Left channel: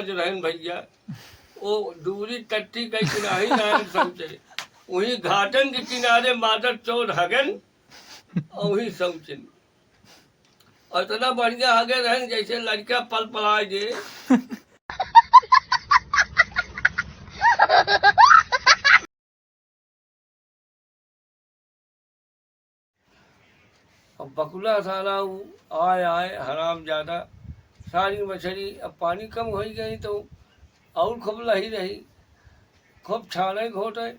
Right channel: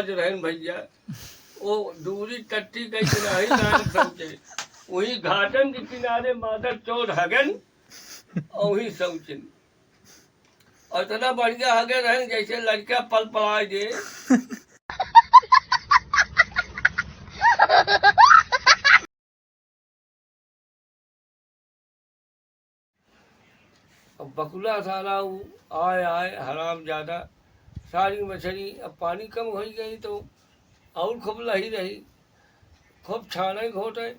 धर्मराज रहन भैया, वो दूरी टट्टी कई किनारे नारे पहुंचे, वही घाटन के किनारे मादर चोर हगन और वही शौचिन, और इतना बढ़िया हगे रहन जैसे लड़का पल पलाए दे। अब बकुला साला आए हराम ज्यादा, सारी मछली अब पानी कम हो गई तो और खूब लही रही, खूब छाने घोटे,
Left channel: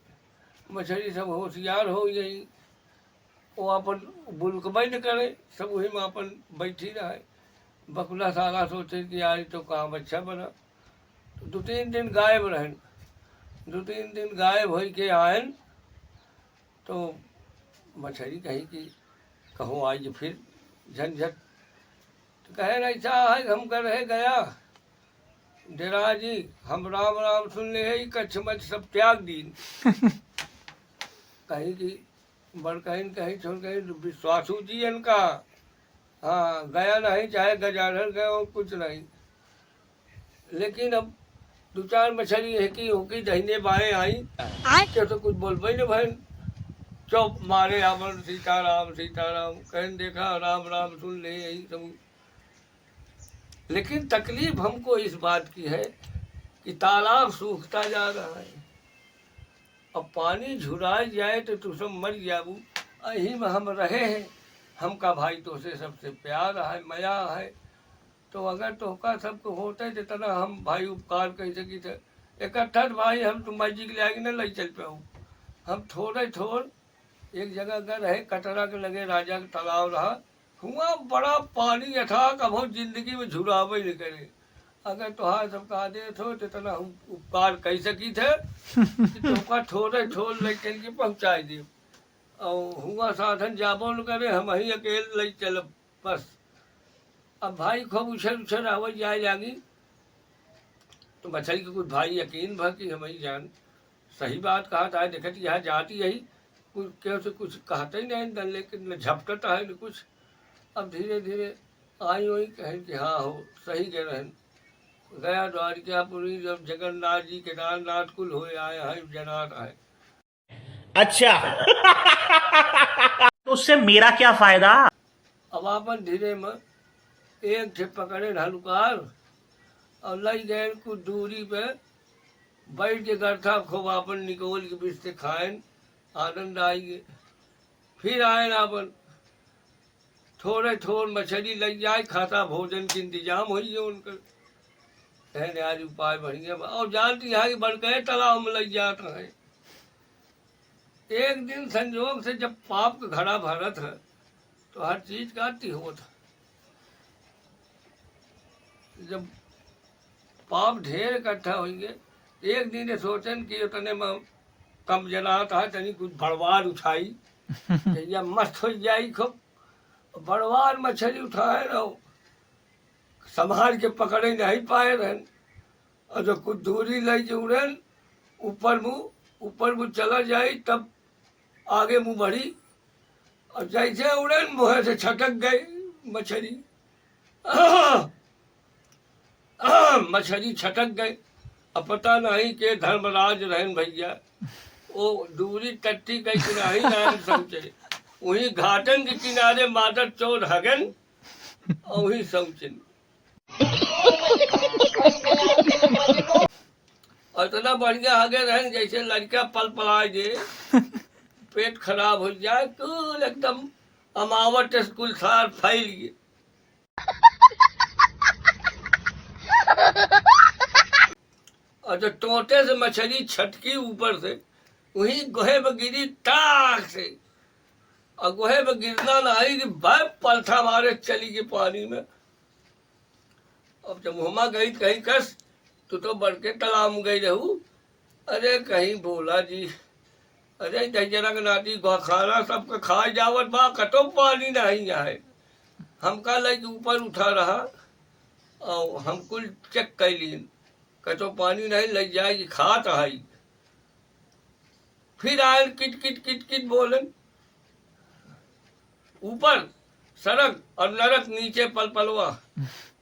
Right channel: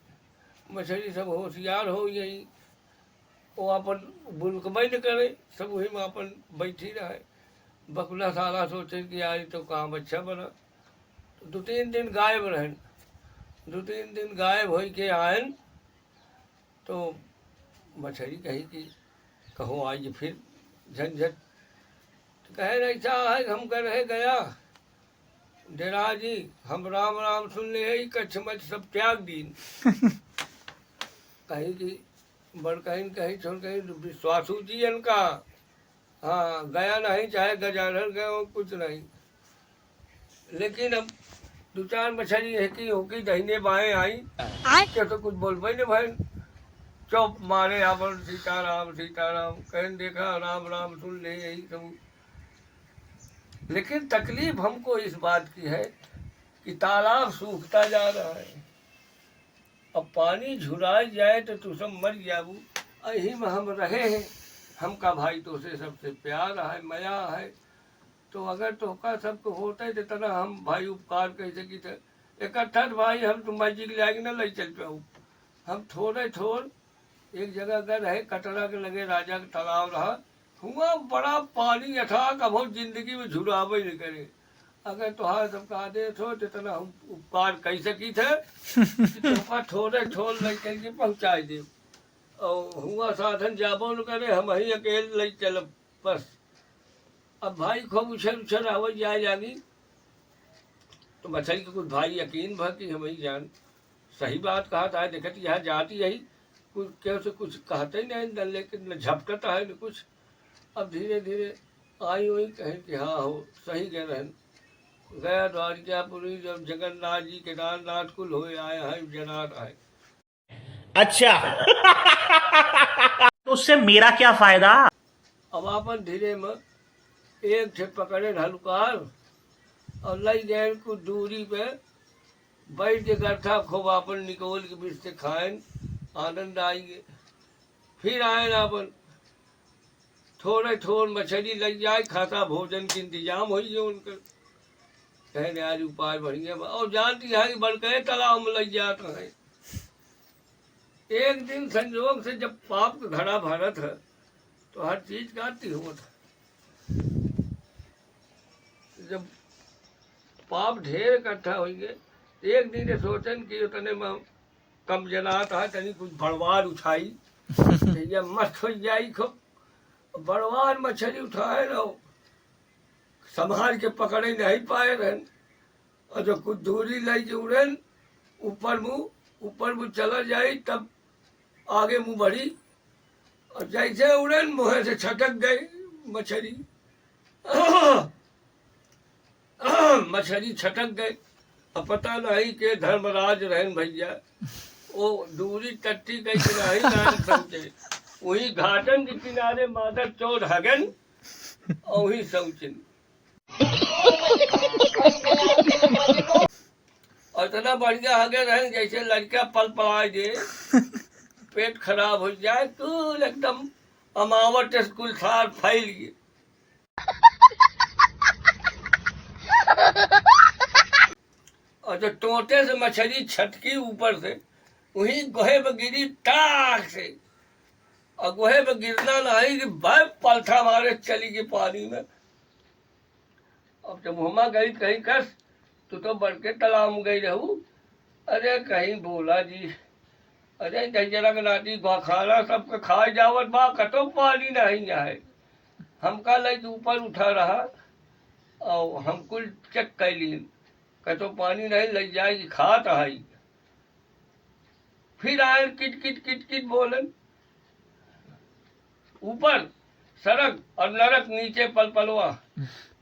मछली सब होशियार हो गई, वो अपन बुलकबई न करे, सब वही में अपन बैठी रहे। बकुला साला सोचे कि आज तो काम अच्छा बना, दो तीन दिन गायब रहन, दो तीन दिन गायब हो के आयन तो मछली कही कि कहो आज फिर झंझट, तो कहे ऐसा है हम कर रहे गया डेरा जी, हम राम राम सुन ले है कच्छ मच सब त्याग दीन। कहीं कि बड़ कहीं छोड़ कहीं विश्वासू जी इनका, हाँ गया नहीं चाहे गजाधर गए हो कुछ नहीं, लेकिन अब दो चार मछली है कि होकी दहीने बाएं आई तो कुछ बोलबे न भाई, चुप मारे अपन सीताराम सीताराम कहन देखा राम राम सुन ले यही सब। लेकिन तकलीफ हमको इस बात की है कि तालाब सूखता जा रहा है, अब पानी झुरा जाए तो तू सब मर जाबू, यही में हम रहे हैं, हमका भाई तो से सबसे प्यार है मया है, तो अगर तो का सबको होता है जितना हम भाई उपकार कह सकी थे, इकट्ठा भाई हम तो मैजिक ले आएंगे ना ले चल पाऊँ, हम थोड़े थोड़ एक जगह का रहे, कटरा के लगे राजा का तालाब रहा, हुआ बड़ा पानी अथाक, अब हम जिंदगी में झुरावे नहीं करे, अगर तुहार सबका आदेश हो तो इतना हम उपकार कह सकी थे तो थोड़े थोड़ ले चल के पहुँचाए दे, और हुआ साधन जाबो न करे, हम वही अकेले ले चल बस। अब भाई खूब उछल उछल आवाज जाए जागी, तो मछली के कुछ भाई यकीन भा कि हम ही जान सही बात कहा था, देखत यहाँ जाती यही कुछ क्यों से कुछ कहते नहीं न, लेकिन न झपटता है न कुछ। अब धीरे धीरे आई वही कहें कि हाँ हो सही कह रहे हैं, गया द्वारिकापुरी जब जगन्नाथ जी केदारनाथ कुल हो आया है जनात है। अच्छा तो उससे मेरा क्या फायदा। अब आपन धीरे में एक से पकड़े हलुकार और लई गए कुछ दूरी पे बैठ के गठा खूब अपन निकोल के बीच से खाएं, आनंद आएंगे। फिर आए अपन थोड़े थोड़ मछली लग जाए, खाता भोजन के इंतजाम हो उनका, कहने आज उपाय बढ़िया और जानती है कि बढ़ गए तालाब में लग जाता है। एक दिन संयोग से जब पाप का घड़ा भरत है तो हर चीज का अति होता, जब पाप ढेर इकट्ठा होंगे, एक दिन सोचन कि उतने में कम जनाता है तनी कुछ बड़वार उठाई या मस्त हो जाई, खूब बड़वार मछली उठाए ना संभाल के पकड़े नहीं पाए रहन, और जो कुछ दूरी लाई के उड़न ऊपर मुँह चला जाए तब आगे मुँह बढ़ी, और जैसे उड़न मुँह से छटक गई मछली, मछली छटक गई। अब पता नहीं के धर्मराज रहन भैया, वो दूरी टट्टी कई किनारे नारे पहुंचे, वही घाटन के किनारे मादर चोर हगन और वही शौचिन, और इतना बढ़िया हगे रहें जैसे लड़का पल पलाए दे, पेट खराब हो जाए, कुल एकदम अमावट स्कूल सार फैल गए। और जो टोटे से मछली छटकी ऊपर से वही गोहे में गिरी टाक से, और गोहे में गिरना नहीं कि भाई पलथा मारे चली गई पानी में। अब जब मुहमा गई कहीं कस तो बढ़ के तालाब में गई रहू, अरे कहीं बोला जी, अरे जरा के नाती खाना सबके खाए जावत बा, कतो पानी नहीं आए, हमका लग ऊपर उठा रहा और हम कुल चेक कैली, कतो पानी नहीं लग जाएगी खात आई। फिर आए किट किट किट किट बोलन, ऊपर सड़क और नरक नीचे पलपलवा,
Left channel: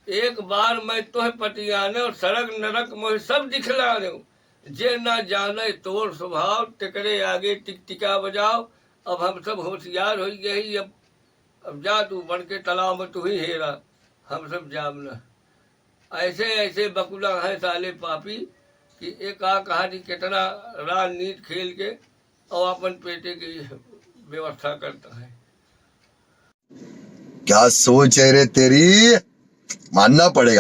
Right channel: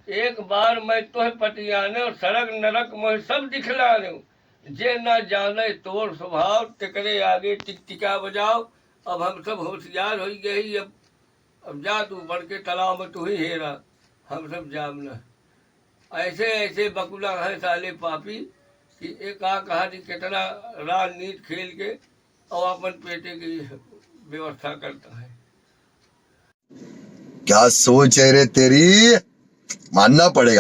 एक बार मैं तोह पटियाने और सड़क नरक मोह सब दिखलाने, जे ना जाने तोर स्वभाव, टिकरे आगे टिक टिका बजाओ। अब हम सब होशियार हो गए, अब जा तू बढ़ के तालाब में तू ही हेरा, हम सब जामना। ऐसे ऐसे बकुला है साले पापी कि एक आ कहानी कितना राजनीति खेल के और अपन पेटे की व्यवस्था करता है। क्या सोच है रे तेरी, मानना पड़ेगा।